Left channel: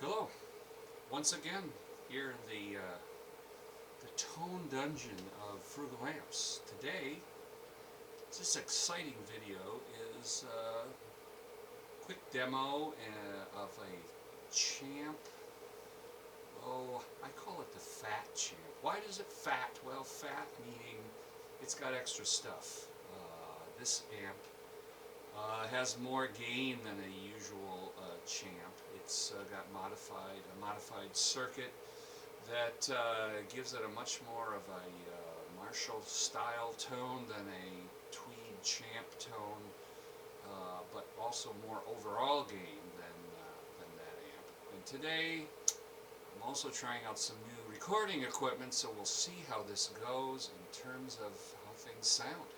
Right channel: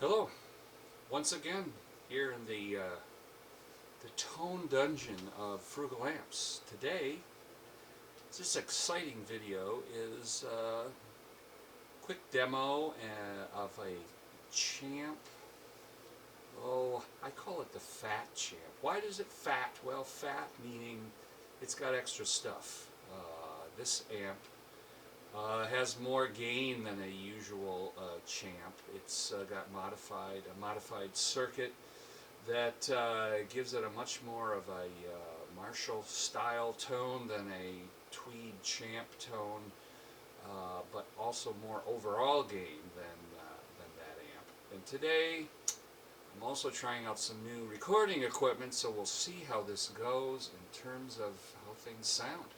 Hello, once again here in the tone dungeon of Frugal Amps. Today, this exciting video is a quick demo of a Champ. Oh, I call it the Phat Champ. Why does it Phat? Well, Phat meaning it's got extra stuff. This amp has more gain than a usual Champ. It's got a modified circuit that gives it a much more of a Marshall style tone than a Tweed Champ tone, but also more overall gain than that amp. And today I'm also trying out some new recording equipment, so we'll see how this goes in terms of how things sound.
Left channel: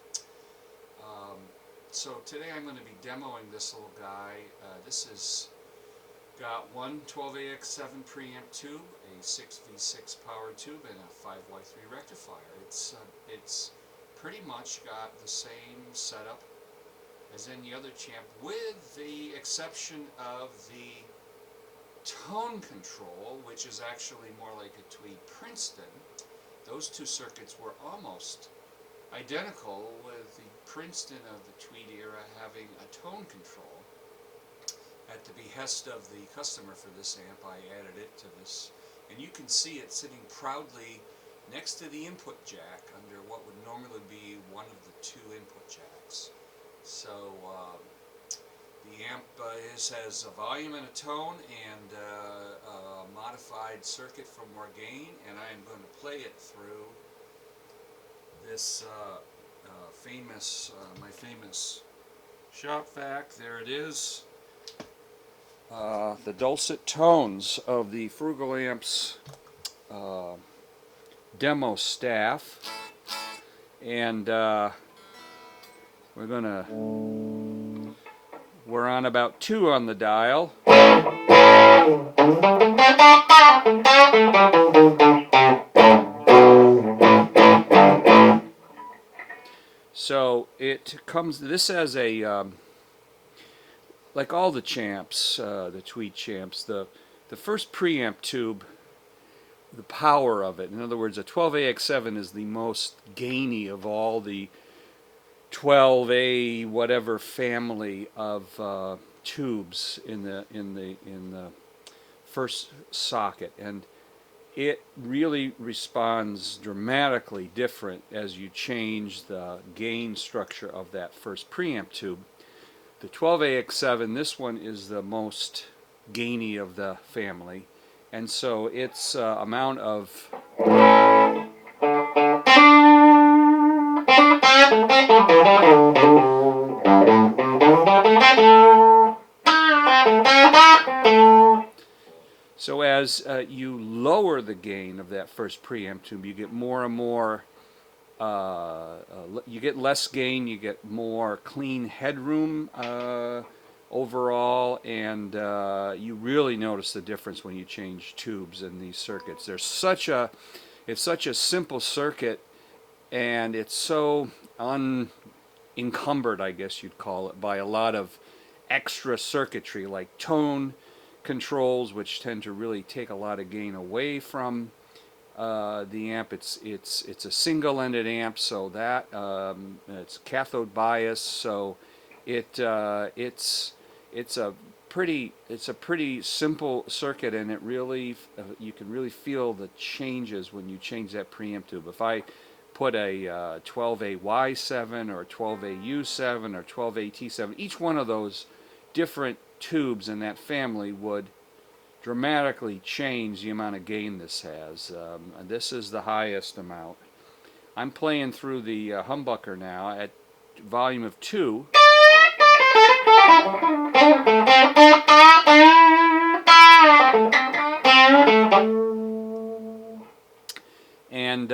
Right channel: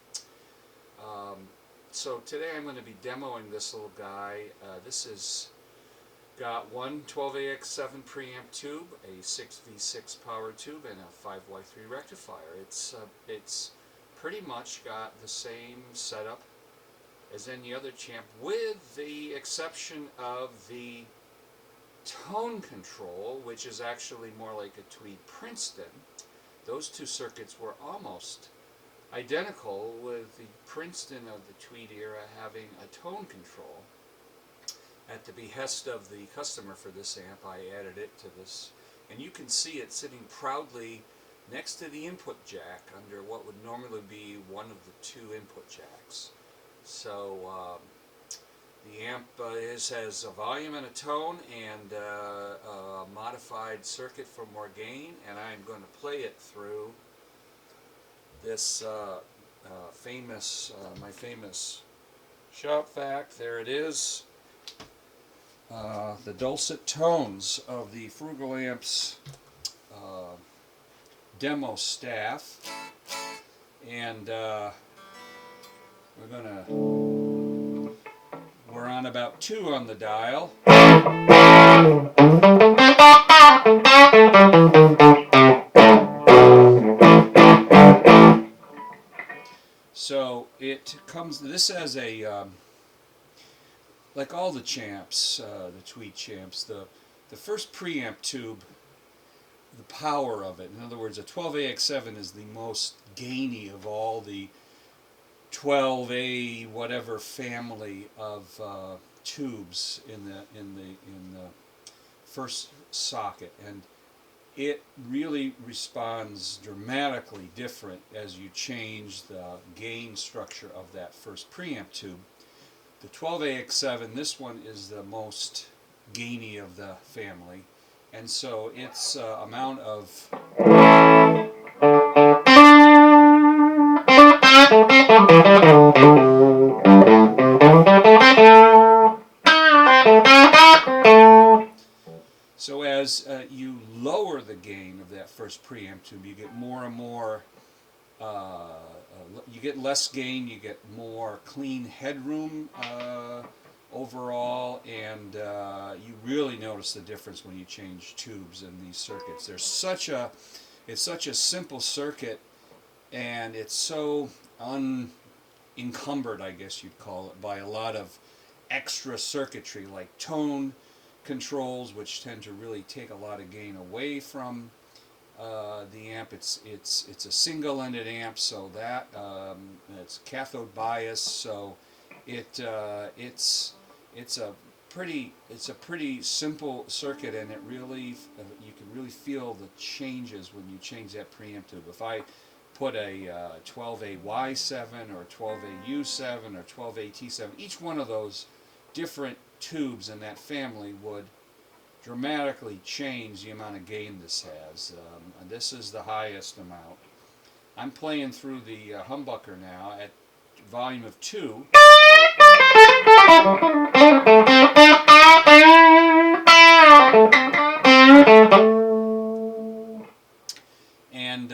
So today I'm going to be demoing this little guy. This is got one 12AX7 preamp tube, a 6V6 power tube, and a 5Y3 rectifier. It's pretty much got the same setup as any other Champ, with the exception of the tone control, which is actually more like a Tweed Princeton. Those two circuits were almost identical, with the Princeton of the Tweed era having a tone control. At the behest of the customer for this amp, I added it to this, and you can see it sitting proudly next to the input jack under what would normally be one of the two input jacks. So the amp has a volume and a tone and a modified circuit for more gain, and I'm going to play it through this my famous shop vac. There it is. The dulcet tones of the Frugal Amps demo staff, and we're on about 2 on the dial. So this has a like all the Champs, the Tweed Champs, the first preamp tube, the power of it. In other words, a 12AX7 is the most gainy of all the 12A whatever family of tubes in the first socket, and it really responds dramatically different as you change the gain structure of that first preamp tube. The 12AX7, this one is the most gainy of the family, and so its amount of so as you lower the gain of that first preamp tube, you get more and more you get less gain, you get more clean headroom overall, and you really notice the difference when you change tubes in these circuits. It's such a simple circuit, and it's so unencumbered, I guess you'd call it, by a lot of extra circuitry like tone controls, which tend to really take a lot of gain away from the amp. It's a single-ended amp, so that it's cathode bias, so it's a pretty simple circuit, and it really you can really feel the changes when you change that preamp tube. If I put a 12AY7 or 12AU7 or 12AT7, each one of those different tubes in that family would dramatically change the amount of gain this has. This is the highest amount. I'm playing through the humbucker now at volume of 2. And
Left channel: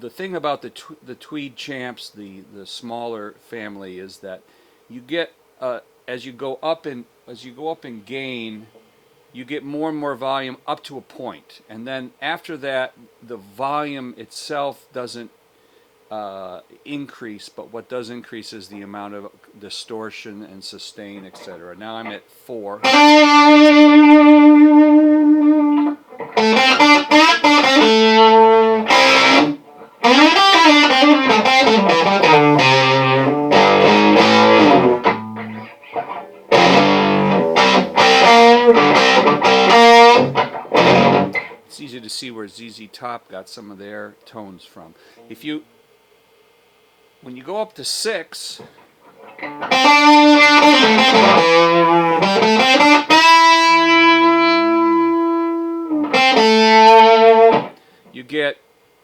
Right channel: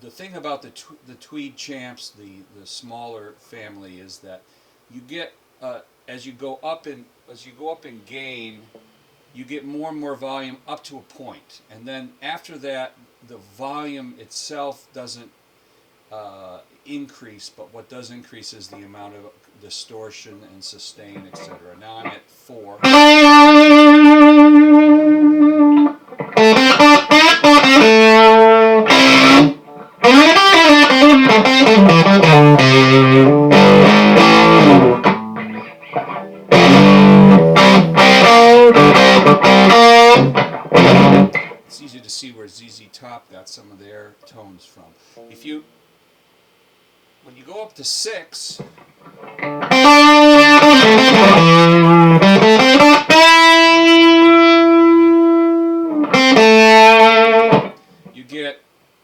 the thing about the Tweed Champs, the smaller family, is that you get as you go up in gain, you get more and more volume up to a point, and then after that, the volume itself doesn't increase, but what does increase is the amount of distortion and sustain, etc. Now I'm at 4. see where ZZ Top got some of their tones from. When you go up to 6, you get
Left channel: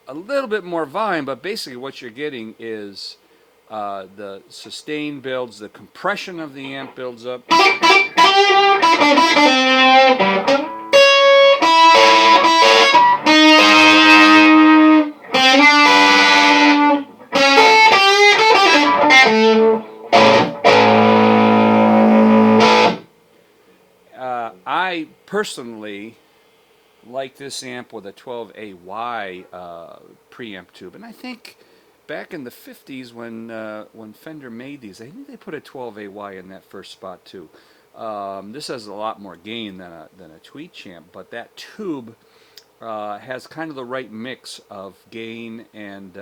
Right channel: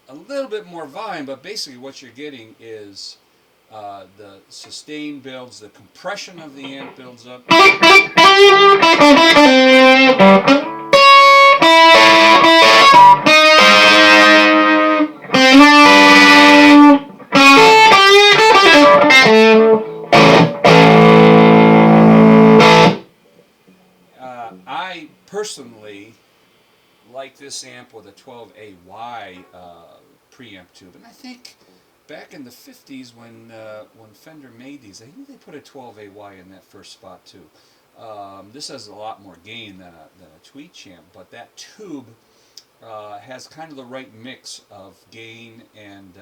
a little bit more volume, but basically what you're getting is the sustain builds, the compression of the amp builds up. I personally like this amp with a 12AY preamp tube, and I think back in the 50s when Fender made these, I think they put a 12AY in that first spot too. This has a lot more gain than a Tweed Champ, but that tube has kind of the right mix of gain and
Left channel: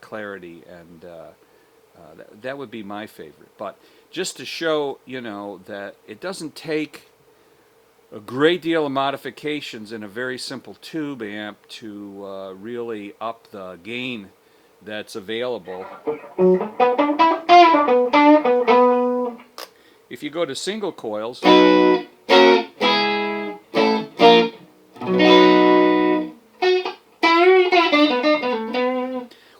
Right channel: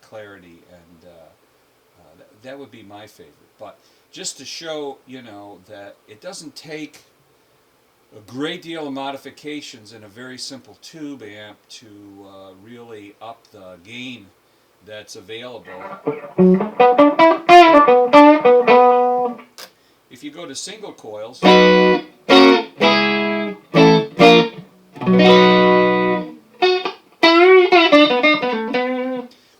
clarity, and that would be my favorite. But just to show, you know, that it doesn't take a great deal of modifications in a very simple tube amp to really up the gain that's available. If you go to single coils,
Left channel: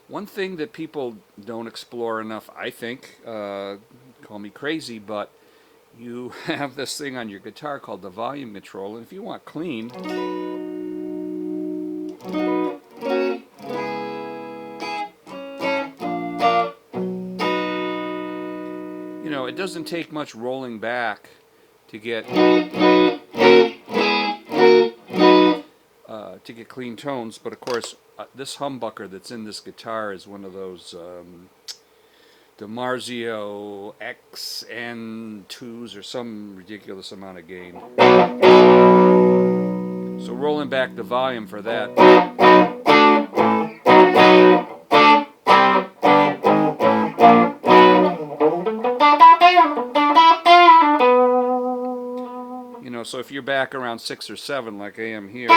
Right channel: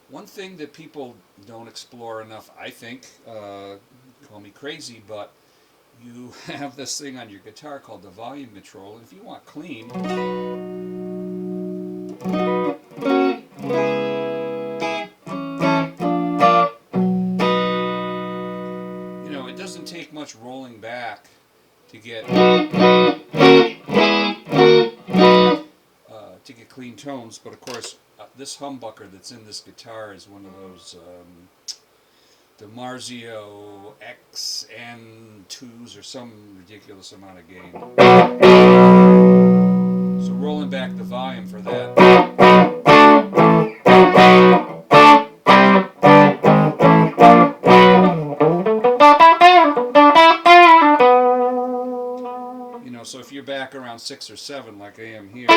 one thing that people don't explore enough, I think, call me crazy, but you have this thing on your guitar called the volume control, and if you want clean, you know, it doesn't take much rolling back to get clean tones. But of course, this humbucker that's in this guitar is one of those DiMarzio XN2s or some ridiculous amount of gain. So rolling back the volume for that. You know, so if you're back around 6 or 7 like I am here,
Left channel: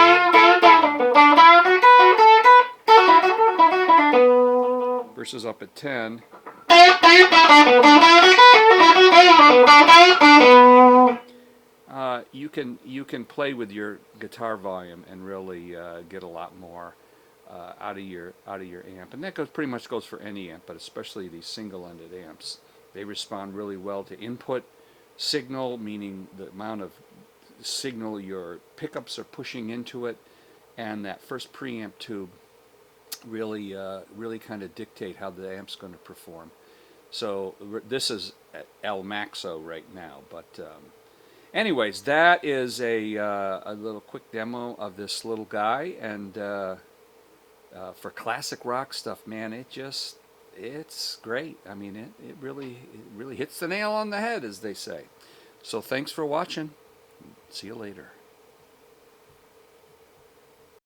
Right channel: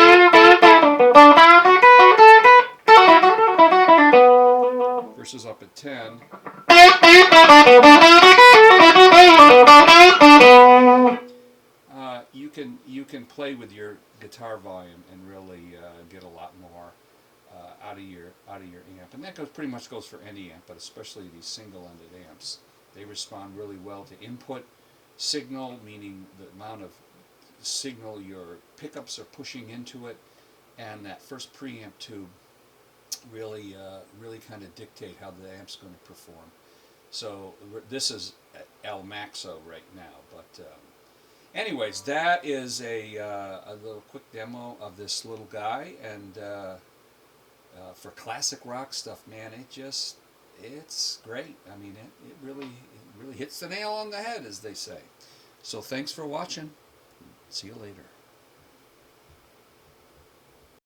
versus up at 10, you can play with your guitar volume and really get a lot more out of your amp, and that pretty much goes for any amp, but especially these single-ended amps. They respond really well to input signal, meaning the amount of signal your pickups are pushing into it, and that first preamp tube really kind of dictate how the amp's going to perform. So this is El Maxo right now, but anyways, that is a little quick demo of this little guy, and for classic rock stuff, man, it's great. I mean, it really hits the nail on the head, as they say. So thanks for watching. See you later.